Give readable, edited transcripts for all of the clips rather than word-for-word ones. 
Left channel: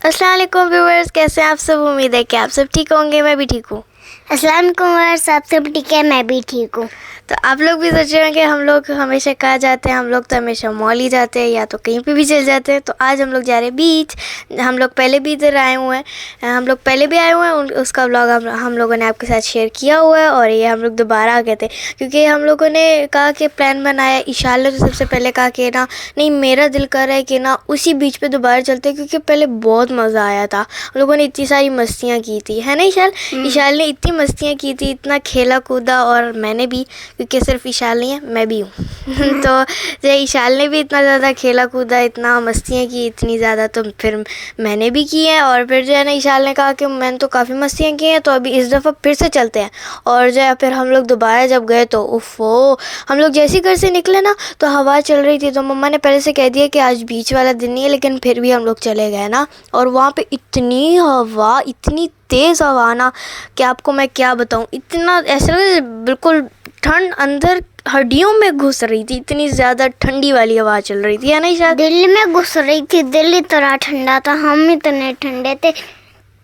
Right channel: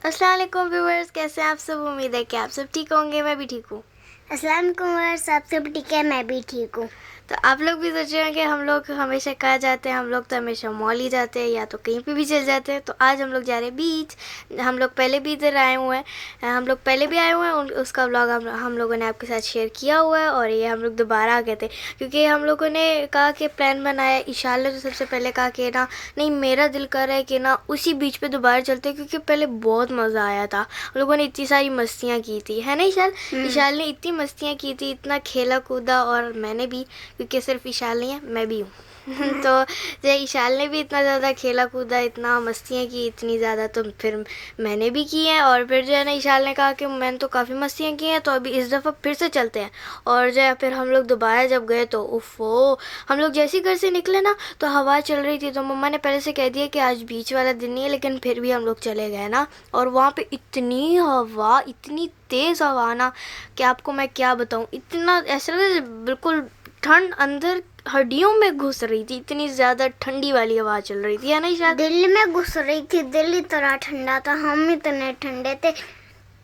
अस्सलाम वालेकुम व्यूअर्स, कैसे हैं आप सब। उम्मीद है कि आप सब ठीक होंगे। मैं भी ठीक हूँ। अस्सलाम वालेकुम व्यूअर्स, आप सब ठीक है, मैं भी ठीक हूँ। तो आप लोग भी सोच रहे हैं कि हम लोग हमेशा कहाँ जाते हैं। हम लोग तो हमेशा मॉल ही जाते हैं या तो कहीं पे भी चले जाते हैं। तो आज हम लोग जा रहे हैं बीच। हम लोग पहले भी इधर आए हुए हैं, हम लोग पहले भी आए हुए हैं। उसका व्लॉग हम लोगों ने आपके साथ शेयर किया हुआ है। और ये हम लोग दोबारा आ गए थे क्योंकि हम लोगों ने कहा कि प्लान बनाया। ईशान ने तो सबसे पहले कहा कि ना नहीं, मेरा दिल कर रहा है कि ना उसी बीच पे दोबारा चलते हैं क्योंकि पहले बहुत मज़ा आया था। हम लोगों ने इतनी सारी मस्तियाँ की थी, है ना ईशान। ईशान ने इतनी मस्तियाँ की थी, इतना खेला कूदा। और मैंने भी, क्योंकि सिर्फ ईशान नहीं है, मैं भी हूँ। तो जो ईशान ने भी इतना ज़्यादा खेला कूदा, इतना मस्तियाँ की, इतनी ज़्यादा, तो फिर मैंने भी की हैं। और फिर जो है ना ईशान ने कहा कि मैंने तो काफ़ी मस्तियाँ की हैं, तो अभी इस दफ़ा फिर से चलते हैं। और जो है फिर हम लोग दोबारा जब गए तो उफ़ो, हम लोग जैसे ही घर से निकले ना तो हवा चल रही थी। तो मम्मा ने पहले से कह दिया कि आज बीच वाला दिन नहीं है, लेकिन फिर भी हम लोग चले गए ना। और वहाँ पे इतनी हवा, इतनी तेज़ हवा ना कि आपको मैं क्या बताऊँ। इतना ऐसा लगा बिल्कुल ठंड अंदर हड्डियों में घुस रही थी। इतनी ज़्यादा ठंडी वाली हवा चल रही थी, है ना शायद। दिल्ली में घुस रही थी, दिल्ली इतना ठंडा था, हम इतने ठंडे थे,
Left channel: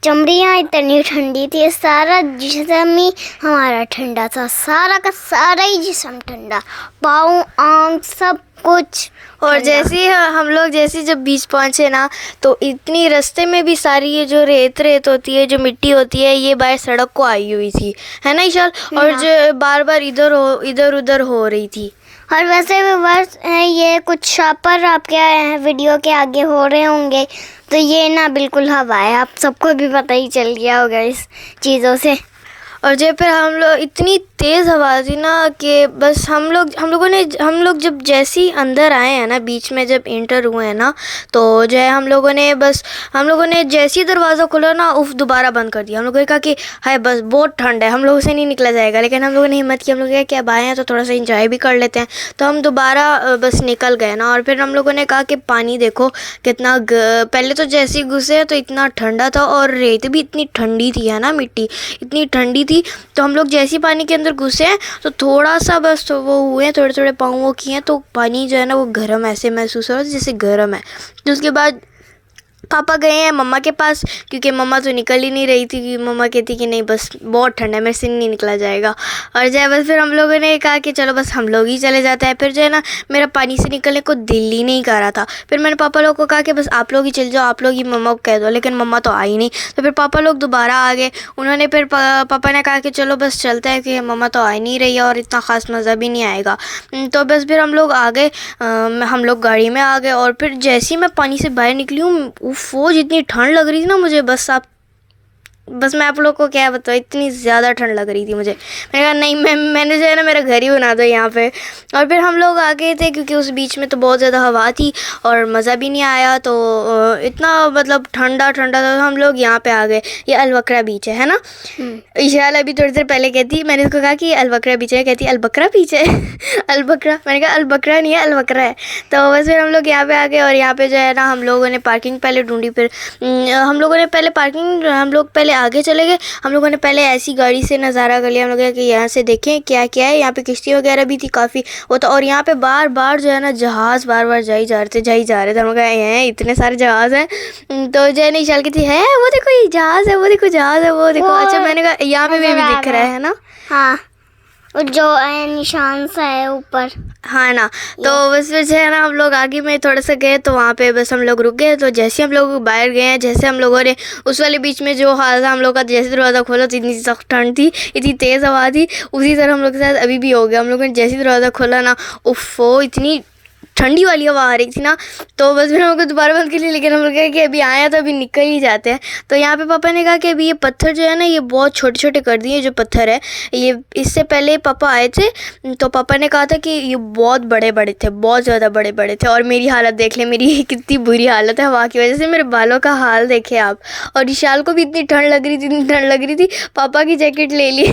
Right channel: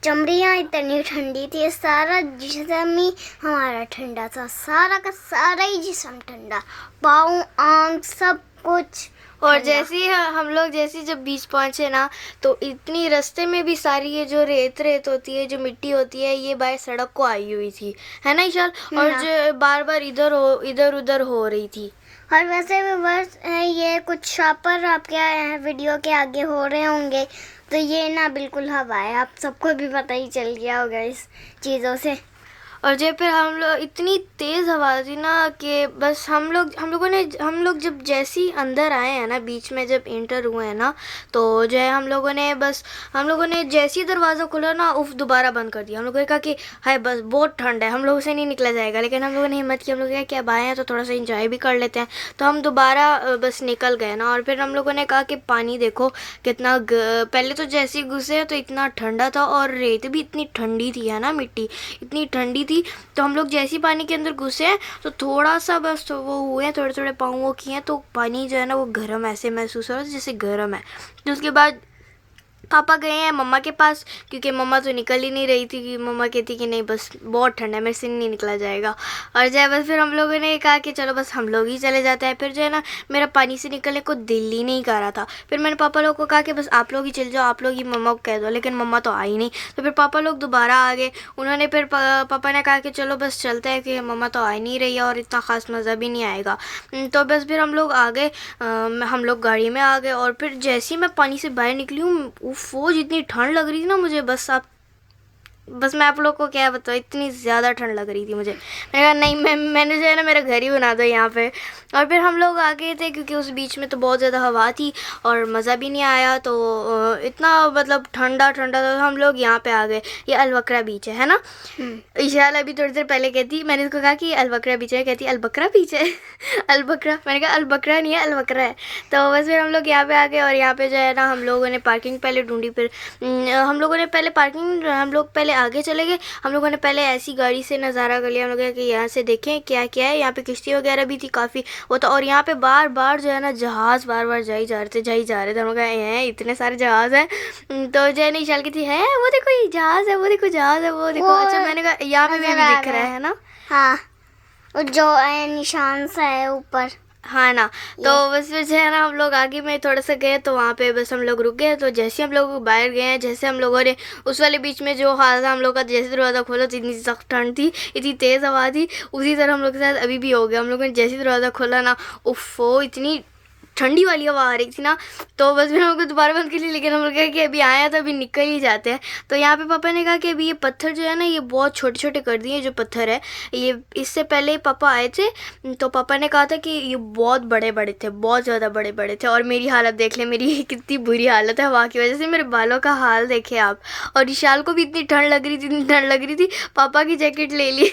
चमड़ियाँ इतनी ठंडी थी, सारा जिस्म ही हमारा ठंडा था, सारा का सारा ही जिस्म ठंडा, पाँव आँख सब कुछ। और जैसे ही हम लोग जब बीच पहुँचे ना तो इतनी रास्ते में भी सारी ये जो रेत होती है, जो मिट्टी होती है, ये बाहर सड़क को आई हुई थी, है ना ईशान। और जो बार बार इधर उधर हो रही थी। और वैसे भी बस ये कुछ शापर आपके वीडियो के आगे हो रहे होंगे, तो ये ना बिल्कुल हवा है, आप सबको भी पता ही चल गया होगा इस चीज़ों से। और जब फिर हम लोग, इतनी तेज़ हवा थी ना कि बस हम लोग जब जैसे ही अंदर आए हैं ना, बीच में जब एंटर हुए हैं ना, तो जो है हम लोगों ने जैसे ही दरवाज़ा खोला ना, दोबारा बंद कर दिया। हम लोगों ने कहा कि हाय बस बहुत ठंड है, हम लोगों से नहीं निकला जाएगा। लेकिन हम लोगों ने हिम्मत की, हम लोग क्या अब आए हैं तो थोड़ा सा इंजॉय भी कर लेते हैं। तो हम दोबारा बस निकल गए ना। और फिर हम लोगों ने कहा कि पानी देखो कितना पहले तो जैसे ही घुसे तो इतना ठंडा था, और रेत भी इतनी ठंडी थी, है ना, मिट्टी इतनी ठंडी थी। तो हम लोग जैसे ही पानी के अंदर घुसे हैं तो थोड़ा सा बस तो वो हुए हैं, थोड़े थोड़े पाँव वो किए हैं, तो पानी जो है ना वो गर्म ऐसे महसूस हो रहा है जैसे गर्म है। तो उसके बाद पापा गए हैं मम्मा के पास, क्योंकि मम्मा तो निकल ही नहीं रही थी। कि मम्मा कहती कि नहीं बस बहुत ठंड है, मेरे से नहीं निकला जाएगा। और जो है बस फिर हम लोगों ने कहा कि चलो बस हम लोग ही चले जाते हैं। फिर जो है ना मेरा पानी से निकलने को दिल ही नहीं कर रहा था। फिर मैंने पापा लोग को कहा कि बस आप लोग ही चल जाओ, आप लोग ही मम्मा को कह दो। लेकिन मम्मा तो आई नहीं। तो फिर पापा लोग दोबारा आ गए। उन्होंने फिर पापा ने कहा कि चलो बस चलते हैं, कि मम्मा तो आ नहीं रही है और इतना ख़ास मज़ा भी नहीं आएगा। तो बस फिर हम लोग आ गए, हम लोग गाड़ी में आ गए। और फिर जैसे ही मैं पानी से बाहर निकली हूँ, वो जितनी ठंड लग रही थी ना मुझे, बस मैं आप लोग को क्या बताऊँ, इतनी ज़्यादा ठंड लग रही थी मुझे। मैंने कहा नहीं, मैंने जो है ना मेरा घर ही बना दो यहाँ पे। और फिर हम लोग आ गए थे क्योंकि उस बीच में तो बहुत ज़्यादा हवा थी और मज़ा भी नहीं आया। तो इतना मतलब ठंडा ठंडा था। तो हम लोग यहाँ पे आ गए, ये अलबकरा बीच है ना। ईशान अभी थोड़ी देर पहले कहती, मैंने उसको कहा कि अलबकरा बीच है, कहती अलबकरा बीच है। अलबकरा, मैंने कहा अलबकरा नहीं है, अलबकरा है। तो बस फिर हम लोग यहाँ पे आ गए। और यहाँ पे जो है ना हम लोगों ने पार्किंग पहले ढूंढी। फिर हम लोगों ने पहले पार्किंग, हम लोग पहले आगे चले गए। हम लोगों ने पहले ऐसी गाड़ी से नज़ारा कर लिया। हम लोग कि यहाँ से देखें क्या क्या है। यहाँ पे किश्ती वगैरह भी थी काफ़ी वो तो। और यहाँ पे बार बार जो है ना जहाज़ बार बार जाई जा रहे थे। हम लोग हैं इतने सारे जहाज़ हैं। तो जो है नहीं चल की थी, है वो देखो ये जहाज़ है, वो देखो जहाज़ है, वो देखो। अच्छा मैंने कहा यहाँ पे भी दिख रहा है ना। हाँ, और जो निशान सा है ऊपर, हाँ ना। तो बस फिर जो है ना हम लोग आगे में थोड़ा सा गए तो वहाँ पे बस हम लोग रुक गए। तो जैसे हम लोग बाहर गए हैं, जैसे हम लोगों ने उस वाले बीच में जो हाल था हम लोग का, जैसे दरवाज़ा खोला तो इतनी सख्त ठंड थी, इतनी तेज़ हवा थी। उसी तरह हम लोग के साथ अभी भी हो गया। हम लोगों ने जैसे दरवाज़ा खोला ना, उफ़ो इतनी ठंडी वाली हवा आ रही थी ना। तो बस मैंने हमको दोबारा बंद कर लिया। लेकिन हम लोग कहा कि अभी आया तो अभी निकल ही जाते हैं। तो यहाँ पे पापा ने कहा कि अभी ये पत्थर जो है ना ये बहुत छोटे छोटे कर दिए। जो पत्थर है ये, इससे पहले पापा आए थे तो पापा ने कहा था कि ये बहुत बड़े बड़े थे, बहुत ज़्यादा बड़े बड़े थे। और मेरी हालत देख ले, मेरी कितनी बुरी हालत है हवा की वजह से। मेरे बालों का हाल देखे आप। और विशाल को भी इतनी ठंड लग रही थी, इतनी ठंड लग रही थी, पापा की जैकेट ले ली।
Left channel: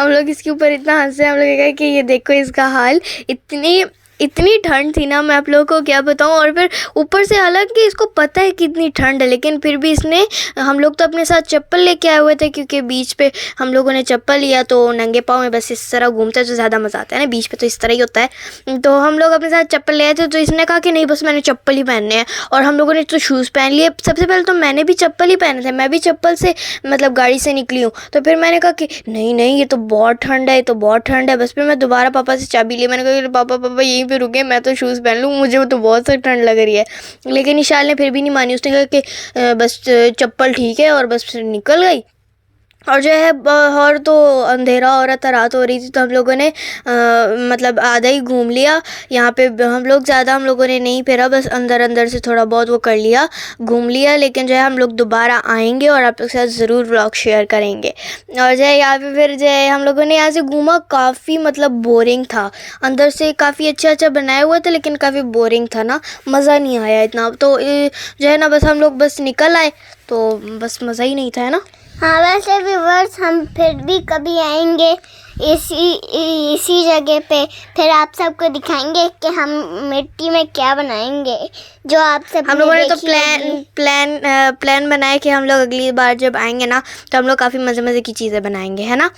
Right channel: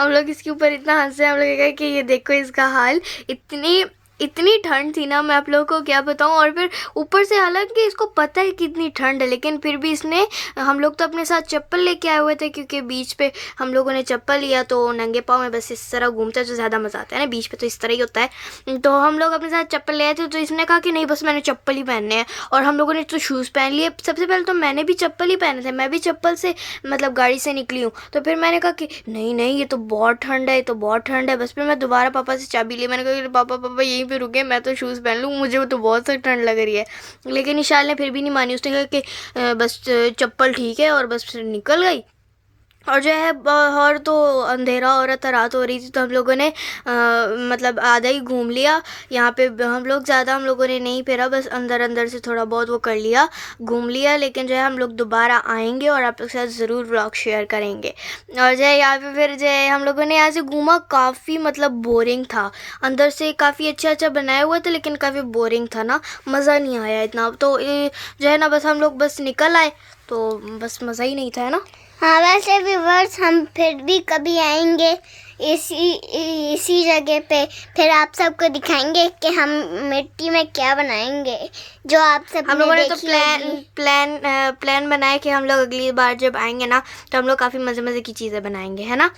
हम लोग इसके ऊपर इतना हंसे। हम लोग कहा कि ये देखो इसका हाल, इतनी इतनी ठंड थी ना, मैं आप लोगों को क्या बताऊं। और फिर ऊपर से हालांकि इसको पता है कितनी ठंड है, लेकिन फिर भी इसने, हम लोग तो अपने साथ चप्पल लेके आए हुए थे क्योंकि बीच पे हम लोगों ने चप्पल लिया तो नंगे पाँव में बस इस तरह घूमते तो ज़्यादा मज़ा आता है ना, बीच पे तो इस तरह ही होता है। तो हम लोग अपने साथ चप्पल ले आए थे, तो इसने कहा कि नहीं बस मैंने चप्पल ही पहनने हैं, और हम लोगों ने तो शूज़ पहन लिए। सबसे पहले तो मैंने भी चप्पल ही पहने थे, मैं भी चप्पल से मतलब गाड़ी से निकली हूँ। तो फिर मैंने कहा कि नहीं नहीं ये तो बहुत ठंड है, ये तो बहुत ठंड है। बस फिर मैं दोबारा पापा से चाबी ली, मैंने कहा कि पापा पापा यहीं पे रुके, मैं तो शूज़ पहन लूँ, मुझे तो बहुत सी ठंड लग रही है। लेकिन ईशान ने फिर भी नहीं मानी, उसने कहा कि बस चप्पल ठीक है, और बस फिर निकल गई। और जो है और तो अंधेरा हो रहा था, रात हो रही थी, तो हम लोगों ने मतलब आधा ही घूम लिया यहाँ पे। हम लोग ज़्यादा हम लोगों ने नहीं फिरा, बस अंदर अंदर से थोड़ा बहुत वो कर लिया, घूम लिया। लेकिन जो है हम लोग दोबारा आएंगे और आप लोग के साथ ज़रूर व्लॉग शेयर करेंगे। और जो है यहाँ पे फिर जो है हम लोगों ने यहाँ से घूमा, काफ़ी मतलब बोरिंग था। अंदर से काफ़ी अच्छा अच्छा बनाया हुआ था, लेकिन काफ़ी बोरिंग था ना, मज़ा नहीं आया इतना। तो जो है ना बस हम लोग बस निकल आए, तो बस मज़ा ही नहीं था, है ना। हाँ, वैसे व्यूअर्स हम फिर भी कभी आएंगे इसी जगह पे, फिर आप सबको दिखाएंगे कि हम मिट्टी में क्या बनाएंगे, जो आप सब हम लोगों ने तो प्लान बनाया कि हम लोग अगली बार जब आएंगे ना, तो हम लोग काफ़ी मज़े मज़े की चीज़ें बनाएंगे, है ना।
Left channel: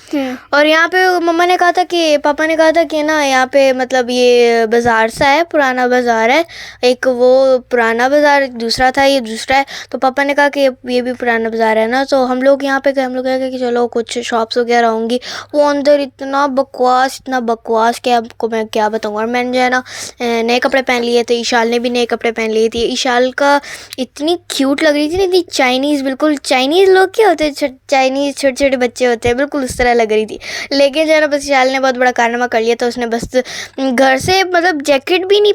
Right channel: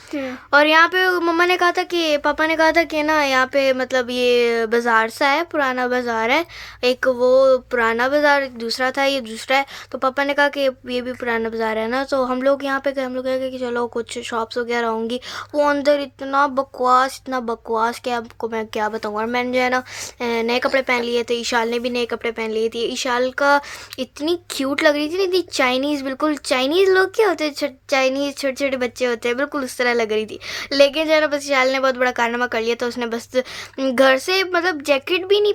और यहाँ पे मम्मा ने कहा था कि पापा ने कहा था कि ना यहाँ पे मतलब ये बाज़ार सा है, पुराना बाज़ार है, एक वो पुराना बाज़ार दूसरा था, ये दूसरा है। तो पापा ने कहा कि ये भी पुराना बाज़ार है ना। तो हम लोग यहाँ पे गए, हम लोग कहा कि चलो कुछ शॉप्स वगैरह होंगी। वो अंदर इतना बकवास कि आपको मैं क्या बताऊँ। और मैंने जो है ना नए कपड़े पहन लिए थे, ईशाल ने भी नए कपड़े पहन लिए थे। ईशाल का इतनी क्यूट लग रही थी ना, इतनी चाइनीज़, बिल्कुल चाइनीज़ लोग क्या होते हैं, चाइनीज़ छोटे छोटे बच्चे होते हैं, बिल्कुल उस तरह लग रही थी। लेकिन जो है ना बस ईशाल ने बहुत बड़ा कारनामा कर लिया, तो उसने बस घर से मतलब जैकेट भी नहीं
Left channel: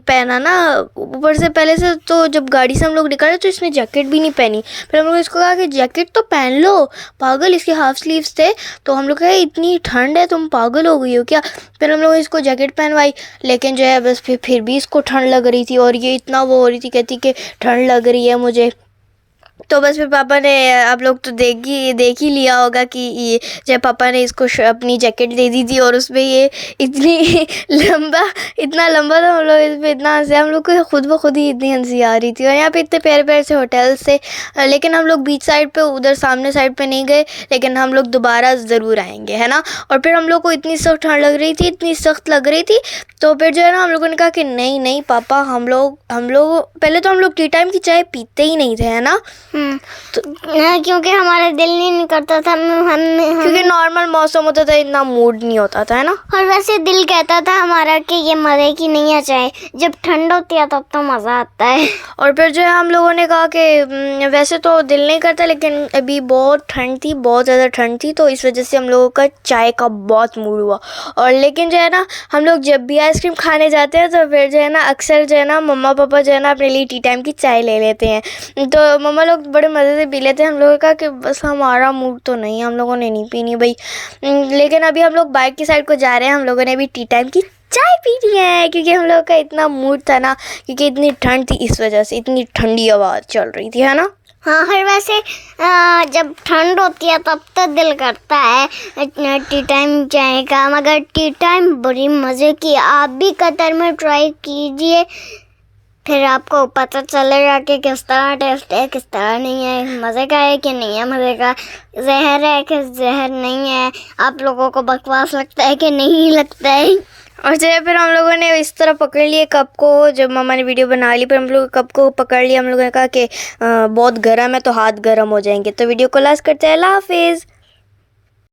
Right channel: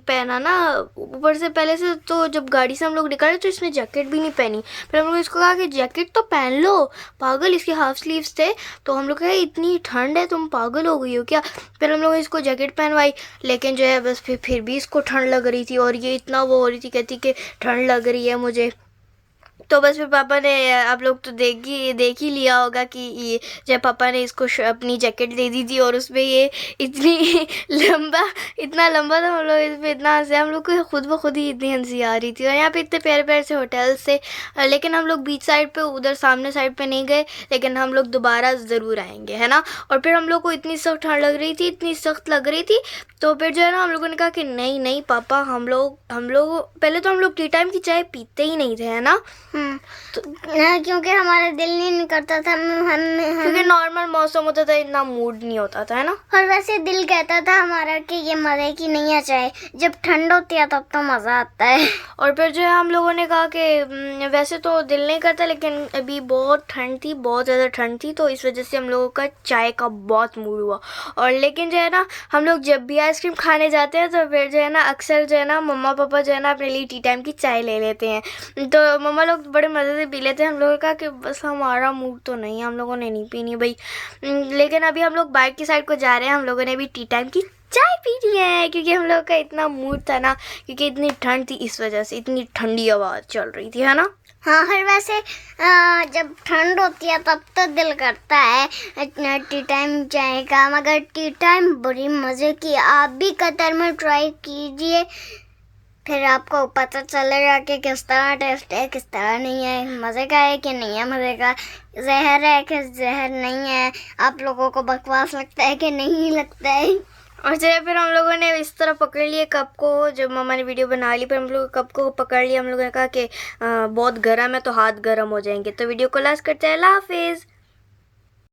पहना ना, ऊपर से पहले से। तो जब गाड़ी से हम लोग निकले तो इसने जैकेट भी नहीं पहनी। फिर हम लोग इसको कहा कि जैकेट तो पहन लो, पागल, इसके हाफ स्लीव्स थे। तो हम लोग कहे इतनी ठंड है, तुम पागल हो गई हो क्या। फिर हम लोग इसको जैकेट पहनवाई, लेकिन जो है बस फिर भी इसको ठंड लग रही थी, और ये इतना वो हो रही थी, कहती कि ठंड लग रही है मुझे। तो बस फिर पापा ने, आप लोग तो देख ही लिया होगा कि ये जब पापा ने इसको अपनी जैकेट दे दी थी, और उसमें ये इतनी इतना लंबा था, हम लोग इस पर इतना हंसे, हम लोग को खुद ब खुद ही इतनी हंसी आ रही थी। और यहाँ पे इतने प्यारे प्यारे से होटल्स थे। लेकिन हम लोग बीच साइड पे, उधर सामने साइड पे नहीं गए, लेकिन हम लोग दोबारा ज़रूर आएंगे, है ना। और फिर हम लोग को इतनी सख्त ठंड लग रही थी, इतनी सख्त लग रही थी। तो फिर जो है ना हम लोगों ने कहा कि नहीं नहीं पापा, हम लोग पहले तो हम लोग टी टाइम की चाय पीते ही नहीं थे, है ना। तो क्योंकि हमारा दिल नहीं करता था, क्योंकि नॉर्मल मौसम होता था, इतना मूड नहीं होता था, है ना। और वैसे दिल कहता था हमारा कि ये मज़े की नहीं है चाय, जब ठंड होती है तब तो मज़ा आता है। और फिर जो है हम लोगों ने कहा कि वैसे तो दिल नहीं करता, लेकिन अभी बहुत ठंड थी, बहुत ज़्यादा ठंड थी, तो इस वजह से हम लोगों का चाय का बहुत मूड हुआ। और लेकिन जो है ना हम लोग जब भी आइसक्रीम खाने जाते हैं, तो फिर जो है ना अक्सर जो है ना मम्मा पापा जो है ना अपने लिए टी टाइम की चाय ले लेते हैं। तो मम्मा लोग बड़े मज़े से पी लेते हैं। हम लोगों का कि बस हमारा मूड तो नहीं, हम लोगों ने नहीं पीनी भाई। लेकिन अभी हम लोग बाइक की साइड को जा रहे हैं, हम लोगों ने अभी टी टाइम की चाय पी रही है, क्योंकि हम लोग का इतना मूड था ना, क्योंकि इतनी ठंड थी, इस वजह से इतनी ठंडी हवा चल रही थी, है ना। हाँ, और वैसे जब ठंड होती है तब तो दिल करता है टी टाइम चाय का, मगर टी टाइम बड़ी मज़े की, आप भी कतर में ट्राई कीजिए, फिर आपको पता चलेगा कि किस तरह टेस्ट है, किस तरह नहीं है, मज़े का है कि नहीं है मज़े का, जहर है कि जहर नहीं है, आप लोगों को बकवास लगता है कि नहीं लगता है। और जो है फिर हम लोगों ने इस तरह पकड़ लिए कप को, जब मम्मा ने वीडियो बना ली, फिर हम लोग कप को पकड़ लिया। हम लोगों ने कहा कि बहुत गर्म है, तो हाथ गर्म हो जाएंगे। तो वीडियो को लास्ट करते हैं, अल्लाह हाफिज़।